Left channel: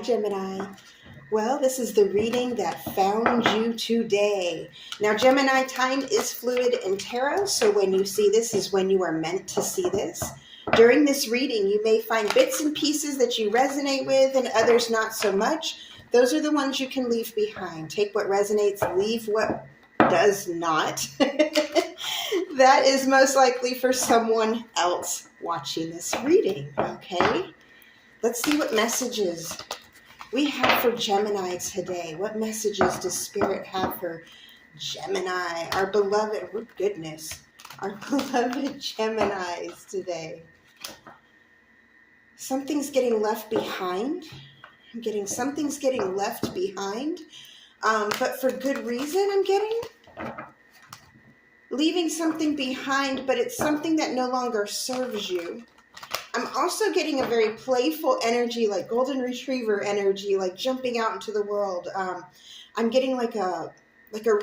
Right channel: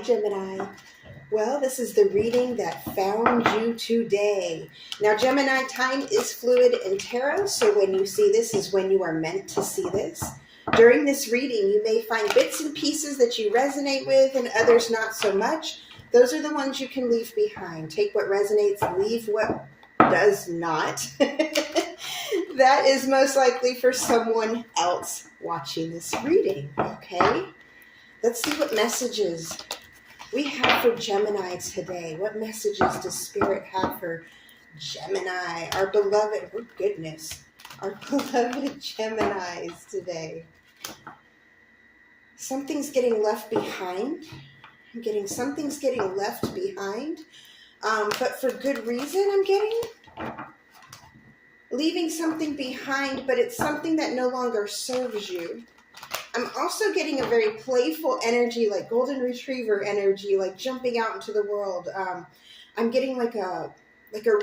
Hi, Gemini. Well, this is the reading that found you today. Now, Gemini, time is fluid in tarot, so when you see this is when you are meant to see this. During this reading, you may find bits and pieces that you resonate with and others not so much. Those are the ones you can leave behind. Take what resonates, leave what does not. That is most likely for someone else watching this reading, okay? Let's see what messages we have for Gemini today. What messages does Spirit have for Gemini, our beloved, oh goodness, our beloved Geminis today? Something's getting left behind. Something's getting left behind, but for good reason. I'm getting leaving something behind, but it's something that no longer serves you. I'm also getting a very playful energy, like golden retriever energy, like jumping out into the world. I'm getting like a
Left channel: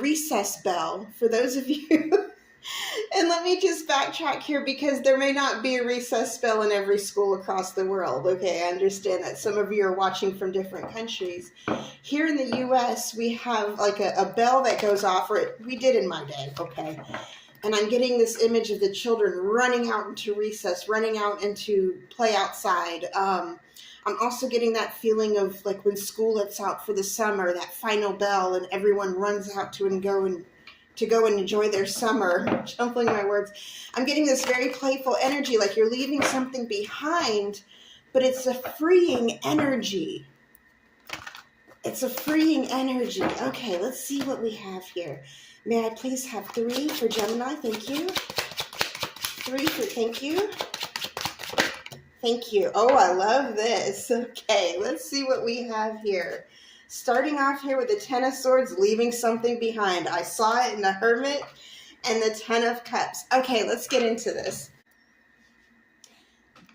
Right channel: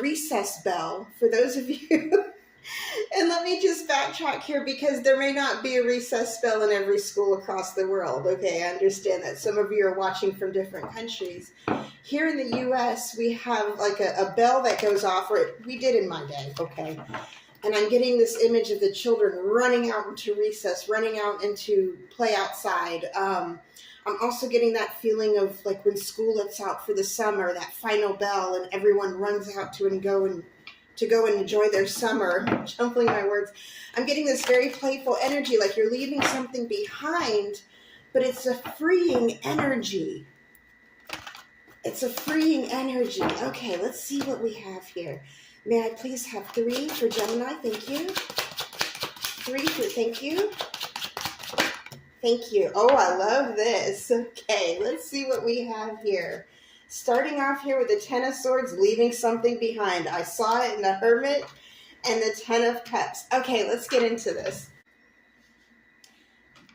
recess bell for those of you. And let me just backtrack here because there may not be a recess bell in every school across the world. Okay, I understand that some of you are watching from different countries. Here in the U.S., we have like a bell that goes off, or we did in my day, okay? And I'm getting this image of the children running out into recess, running out into play outside. I'm also getting that feeling of like when school lets out for the summer, that final bell, and everyone runs out to go and enjoy their summer. I'm jumbling my words. I'm getting this very playful energy, like you're leaving something behind, but it's a freeing energy. It's a freeing energy. Okay, let's see what we have here. May I please have 3 for Gemini? Thank you. 3 for, thank you. Thank you. Oh, I love this. Okay, let's see what we have here. Starting off here with the 10 of Swords, leaving something behind. I saw it in the Hermit and the 10 of Cups. Okay, let's get into this.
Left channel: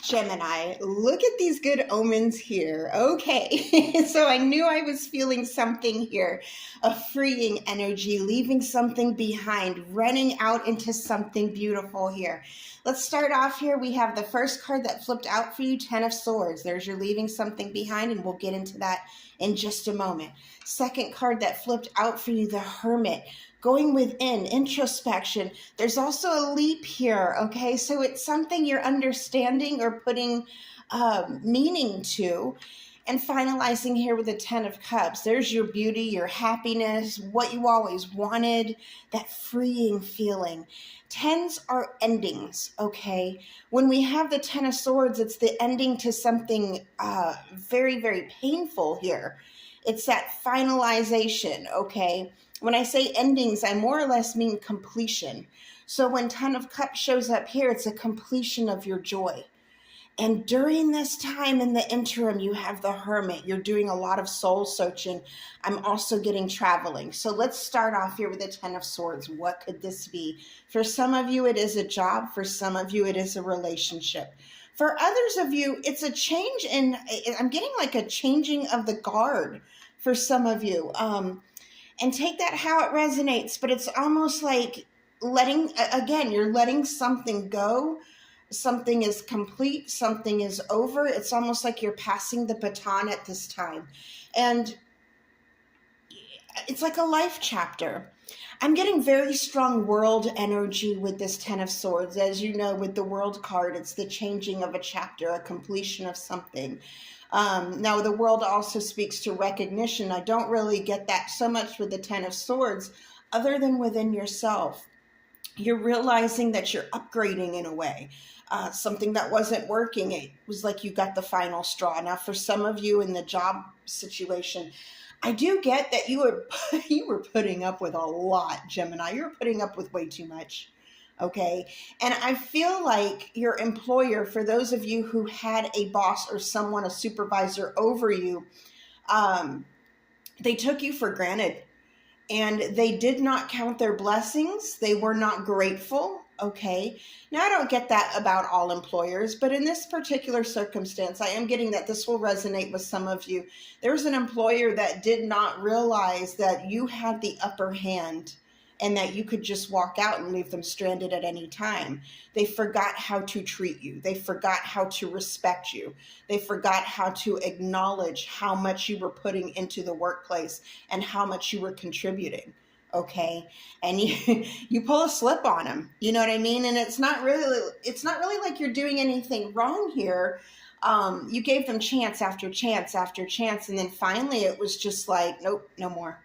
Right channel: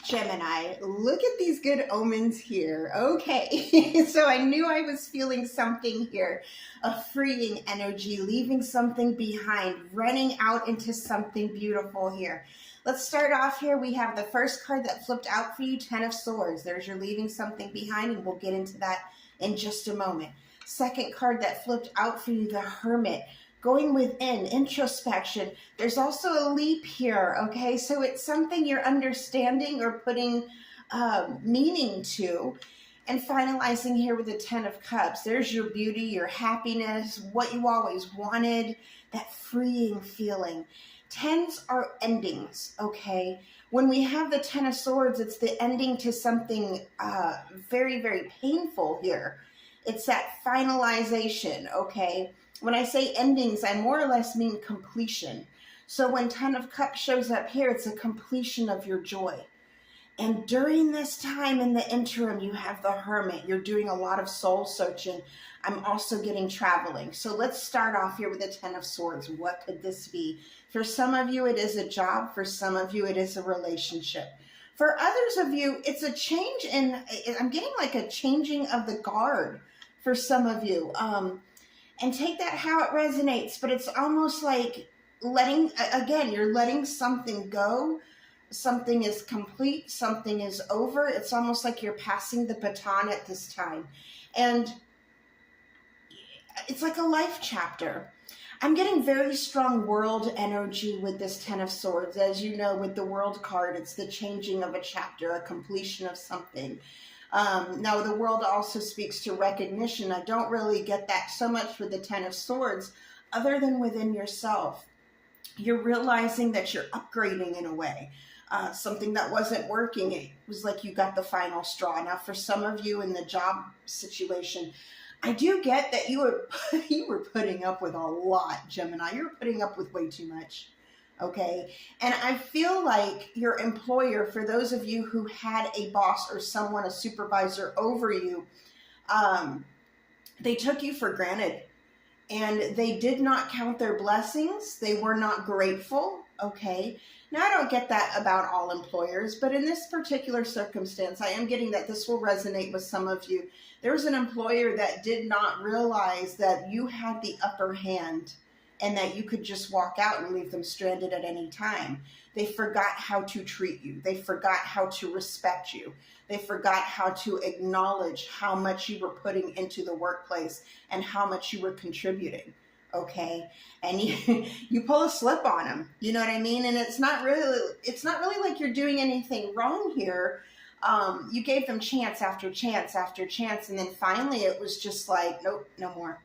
Gemini, look at these good omens here. Okay, so I knew I was feeling something here. A freeing energy, leaving something behind, running out into something beautiful here. Let's start off here. We have the first card that flipped out for you, 10 of Swords. There's your leaving something behind, and we'll get into that in just a moment. Second card that flipped out for you, the Hermit. Going within, introspection. There's also a leap here, okay? So it's something you're understanding or putting meaning to. And finalizing here with the 10 of Cups. There's your beauty, your happiness, what you always wanted, that freeing feeling. 10s are endings, okay? When we have the 10 of Swords, it's the ending to something very, very painful here. It's that finalization, okay? When I say endings, I more or less mean completion. So when 10 of Cups shows up here, it's a completion of your joy. And during this time in the interim, you have the Hermit. You're doing a lot of soul searching. I'm also getting traveling. So let's start off here with the 10 of Swords. What could this be? For some of you, it is a job. For some of you, it is a relationship. For others of you, it's a change in, I'm getting like a changing of the guard for some of you. And take that how it resonates, but it's almost like you're letting something go. Something is complete, something is over. It's almost like you're passing the baton at this time. And it's like a life chapter. I'm getting very strong world energy with this 10 of Swords. As you know, with the World card, it's the changing of a chapter, a completion of something. Now, the world also speaks to recognition. I don't really get that so much with the 10 of Swords, other than within yourself. You're realizing that you're upgrading in a way. Something that wasn't working, it was like you got the final straw. Now, for some of you in the job situation, I do get that you were putting up with a lot, Gemini. You're putting up with way too much. Okay. And I feel like your employer, for those of you who had a boss or someone, a supervisor over you, they took you for granted and they did not count their blessings. They were not grateful. Okay. Now, I don't get that about all employers, but in this particular circumstance, I am getting that this will resonate with some of you. There was an employer that did not realize that you had the upper hand and that you could just walk out and leave them stranded at any time. They forgot how to treat you. They forgot how to respect you. They forgot how to acknowledge how much you were putting into the workplace and how much you were contributing. Okay. And you pull a slip on them, you know what I mean? And it's not really like you're doing anything wrong here. You gave them chance after chance after chance. And then finally it was just like, nope, no more,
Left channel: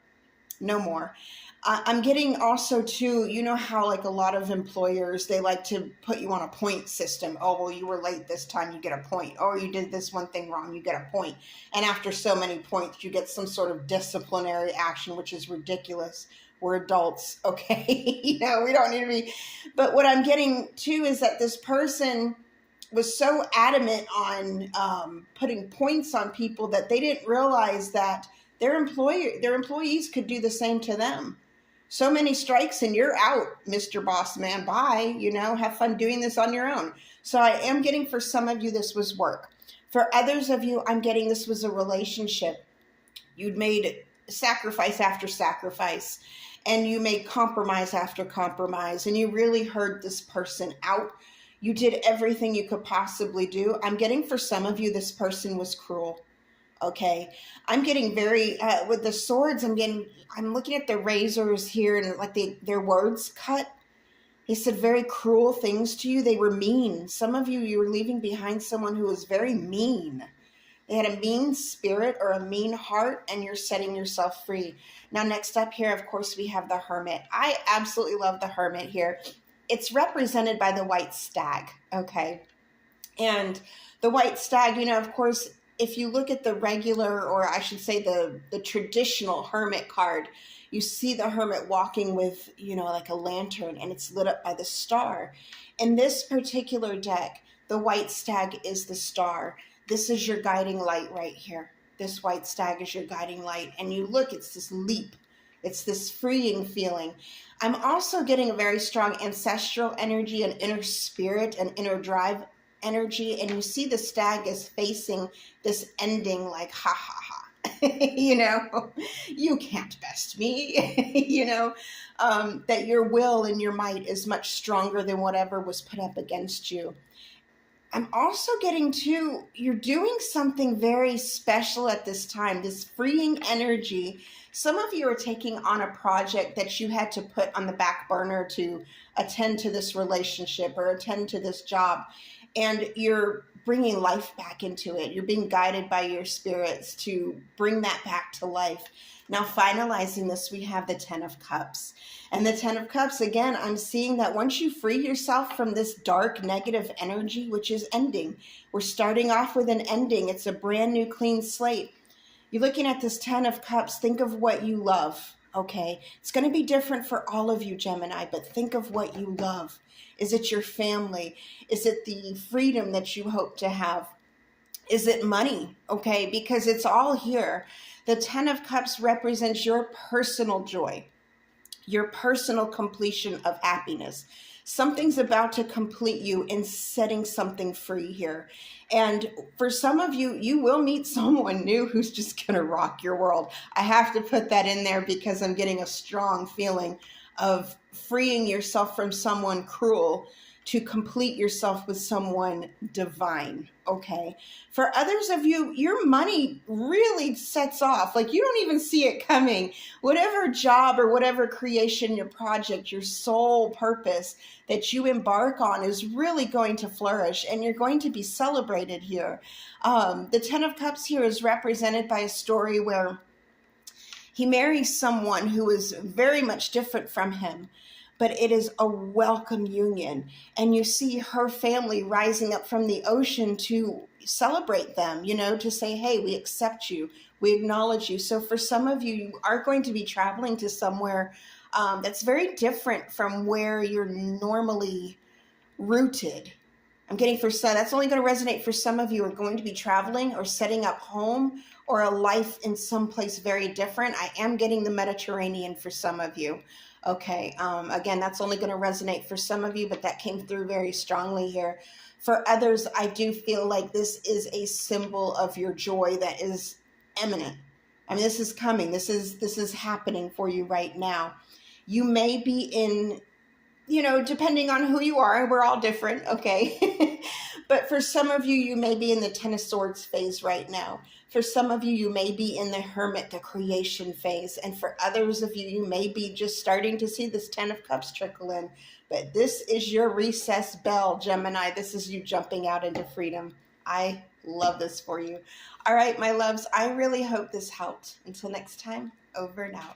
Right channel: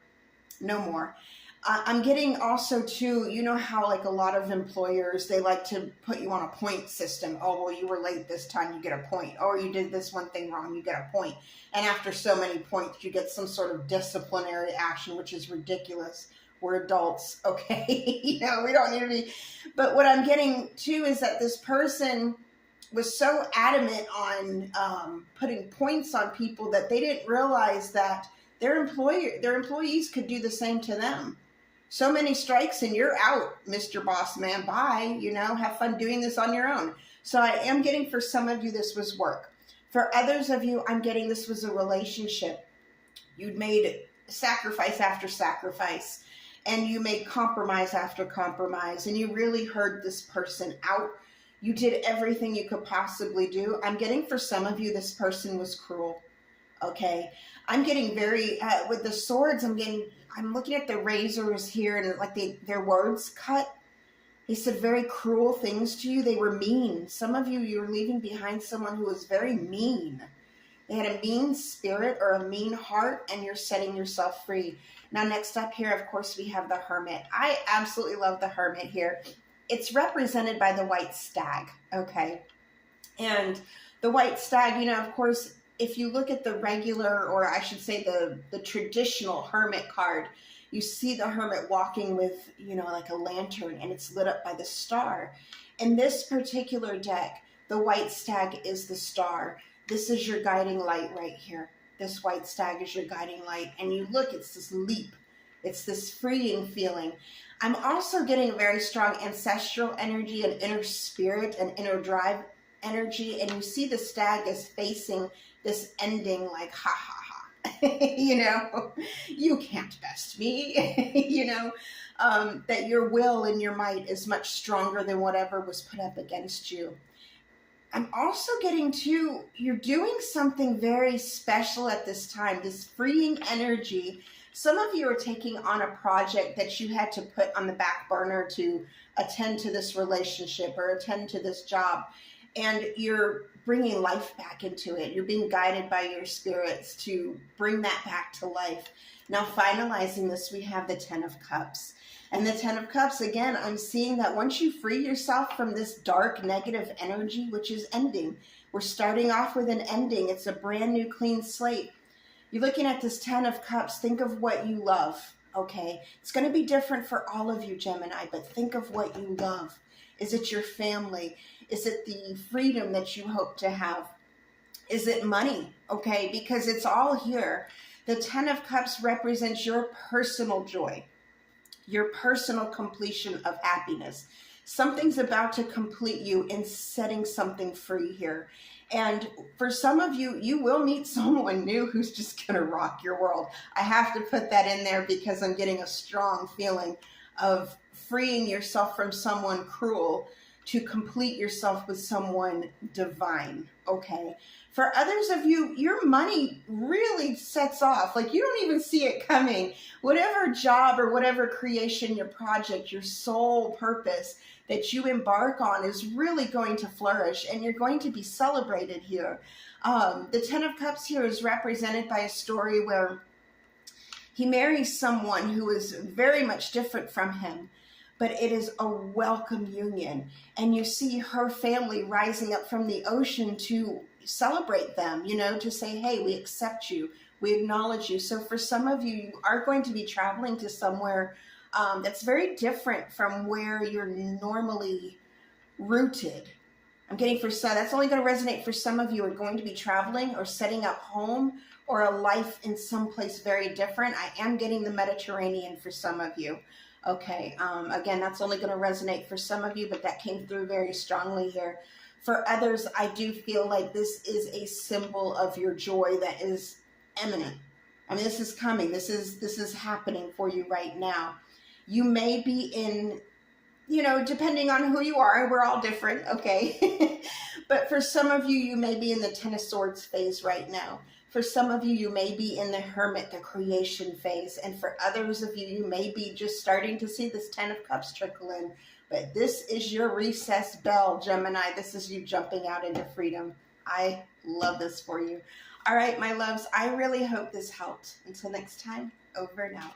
no more. I'm getting also too, you know how like a lot of employers, they like to put you on a point system. Oh, well, you were late this time, you get a point. Oh, you did this one thing wrong, you get a point. And after so many points, you get some sort of disciplinary action, which is ridiculous. We're adults, okay? You know, we don't need to be. But what I'm getting too is that this person was so adamant on putting points on people that they didn't realize that their employees could do the same to them. So many strikes and you're out, Mr. Boss Man. Bye. You know, have fun doing this on your own. So I am getting, for some of you, this was work. For others of you, I'm getting this was a relationship. You'd made sacrifice after sacrifice, and you made compromise after compromise, and you really heard this person out. You did everything you could possibly do. I'm getting, for some of you, this person was cruel. Okay. I'm getting very, with the swords, I'm looking at the razors here, and like their words cut. They said very cruel things to you. They were mean. Some of you, you're leaving behind someone who was very mean. They had a mean spirit or a mean heart, and you're setting yourself free. Now, next up here, of course, we have the Hermit. I absolutely love the Hermit here. It's represented by the white stag, okay? And the white stag, you know, of course, if you look at the regular, or I should say the traditional Hermit card, you see the Hermit walking with, you know, like a lantern, and it's lit up by the star. In this particular deck, the white stag is the star. This is your guiding light right here. This white stag is your guiding light. And you look, it's this leap. It's this freeing feeling. I'm also getting a very strong ancestral energy, an inner spirit, an inner drive energy. And you see the stag is facing this ending like, ha, ha, ha. You know, you can't best me. You know, that your will and your might is much stronger than whatever was put up against you. I'm also getting to, you're doing something very special at this time, this freeing energy. Some of you are taking on a project that you had to put on the back burner to attend to this relationship or attend to this job, and you're bringing life back into it. You're being guided by your spirits to bring that back to life. Now, finalizing this, we have the Ten of Cups. And the Ten of Cups, again, I'm seeing that once you free yourself from this dark, negative energy, which is ending, we're starting off with an ending. It's a brand new, clean slate. You're looking at this Ten of Cups. Think of what you love, okay? It's going to be different for all of you, Gemini, but think of what you love. Is it your family? Is it the freedom that you hope to have? Is it money? Okay, because it's all here. The Ten of Cups represents your personal joy, your personal completion of happiness. Something's about to complete you in setting something free here. And for some of you, you will meet someone new who's just going to rock your world. I have to put that in there because I'm getting a strong feeling of freeing yourself from someone cruel to complete yourself with someone divine, okay? For others of you, your money really sets off. Like, you don't even see it coming. Whatever job or whatever creation, your project, your sole purpose that you embark on is really going to flourish, and you're going to be celebrated here. The Ten of Cups here is represented by a story where he marries someone who is very much different from him, but it is a welcome union. And you see her family rising up from the ocean to celebrate them, you know, to say, hey, we accept you, we acknowledge you. So for some of you, you are going to be traveling to somewhere that's very different from where you're normally rooted. I'm getting for some, that's only going to resonate for some of you who are going to be traveling or setting up home or a life in some place very different. I am getting the Mediterranean for some of you. Okay, again, that's only going to resonate for some of you, but that came through very strongly here. For others, I do feel like this is a symbol of your joy that is imminent. I mean, this is coming. This is happening for you right now. You may be in, depending on who you are, we're all different, okay? But for some of you, you may be in the Ten of Swords phase right now. For some of you, you may be in the Hermit, the creation phase. And for others of you, you may be just starting to see this Ten of Cups trickle in. But this is your recess bell, Gemini. This is you jumping out into freedom. I love this for you. All right, my loves, I really hope this helped. Until next time, over and out.